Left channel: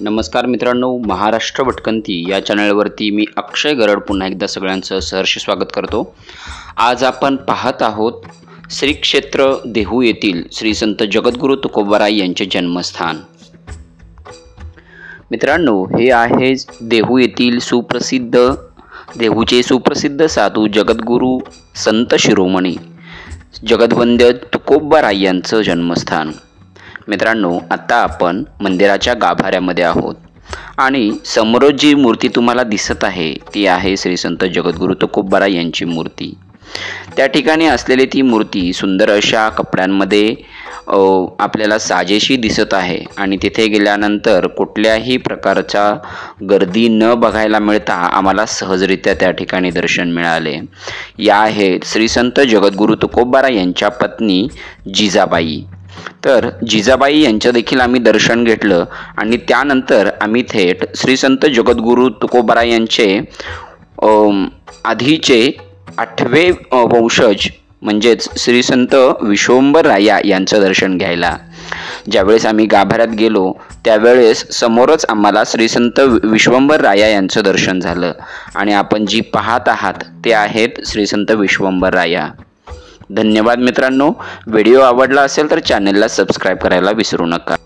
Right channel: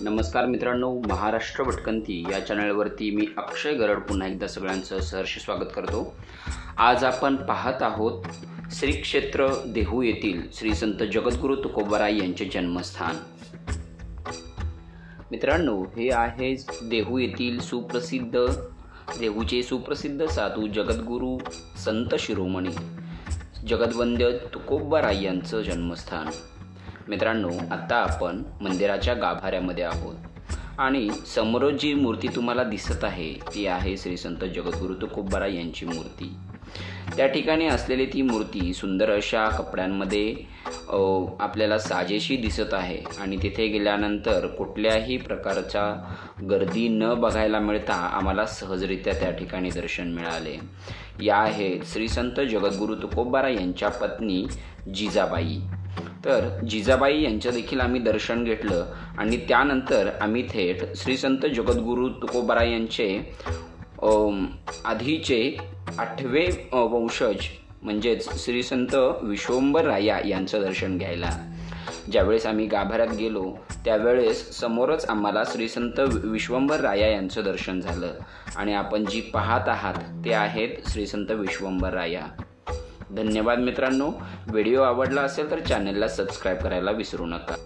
नमस्कार मित्रांनो, महाराष्ट्र भटकंती या चॅनलवरती मी अक्षय गरड पुन्हा एकदा सगळ्यांचं सहर्ष स्वागत करतो। आज आपण पाहत आहोत श्री क्षेत्र देहू येथील श्री संत जगद्गुरू तुकोबाराय यांचे जन्मस्थान। मित्रांनो, हे आहे देहू येथील देहूचे सुप्रसिद्ध साधू जगद्गुरू संत शिरोमणी जगद्वंद्य तुकोबाराय यांचं जन्मस्थान। मित्रांनो, आता आपण मंदिराच्या गाभाऱ्यामध्ये आहोत आणि समोर जी मूर्ती तुम्हाला दिसत आहे ती आहे श्री संत जगद्गुरू तुकोबाराय यांची मूर्ती। त्या ठिकाणी असलेली ती मूर्ती सुंदर अशा कपड्यांमध्ये आपल्याला साजेशी दिसत आहे आणि तिथे गेल्यानंतर कुठल्याही प्रकारचा गर्दी न बघायला मिळता आम्हाला सहजरित्या त्या ठिकाणी दर्शन मिळाले। या आहेत श्री संत जगद्गुरू तुकोबाराय यांच्या पत्नी जिजाबाई। तर जिजाबाई यांचं देखील आम्ही दर्शन घेतलं आणि त्यानंतर आम्ही थेट श्री संत जगद्गुरू तुकोबाराय यांचे आधीचे 8वे वंशज म्हणजेच श्री संत विश्वंभरराया यांचं दर्शन घ्यायला ज्यावेळेस आम्ही गाभाऱ्यात गेलो त्यावेळेस समोरच आम्हाला श्री संत विश्वंभरराया यांचं दर्शन झालं आणि आपण जी पाहत आहात ते आहेत श्री संत विश्वंभरराया। धन्यवाद मित्रांनो, व्हिडिओ आवडला असेल तर चॅनलला सबस्क्राईब करायला विसरू नका।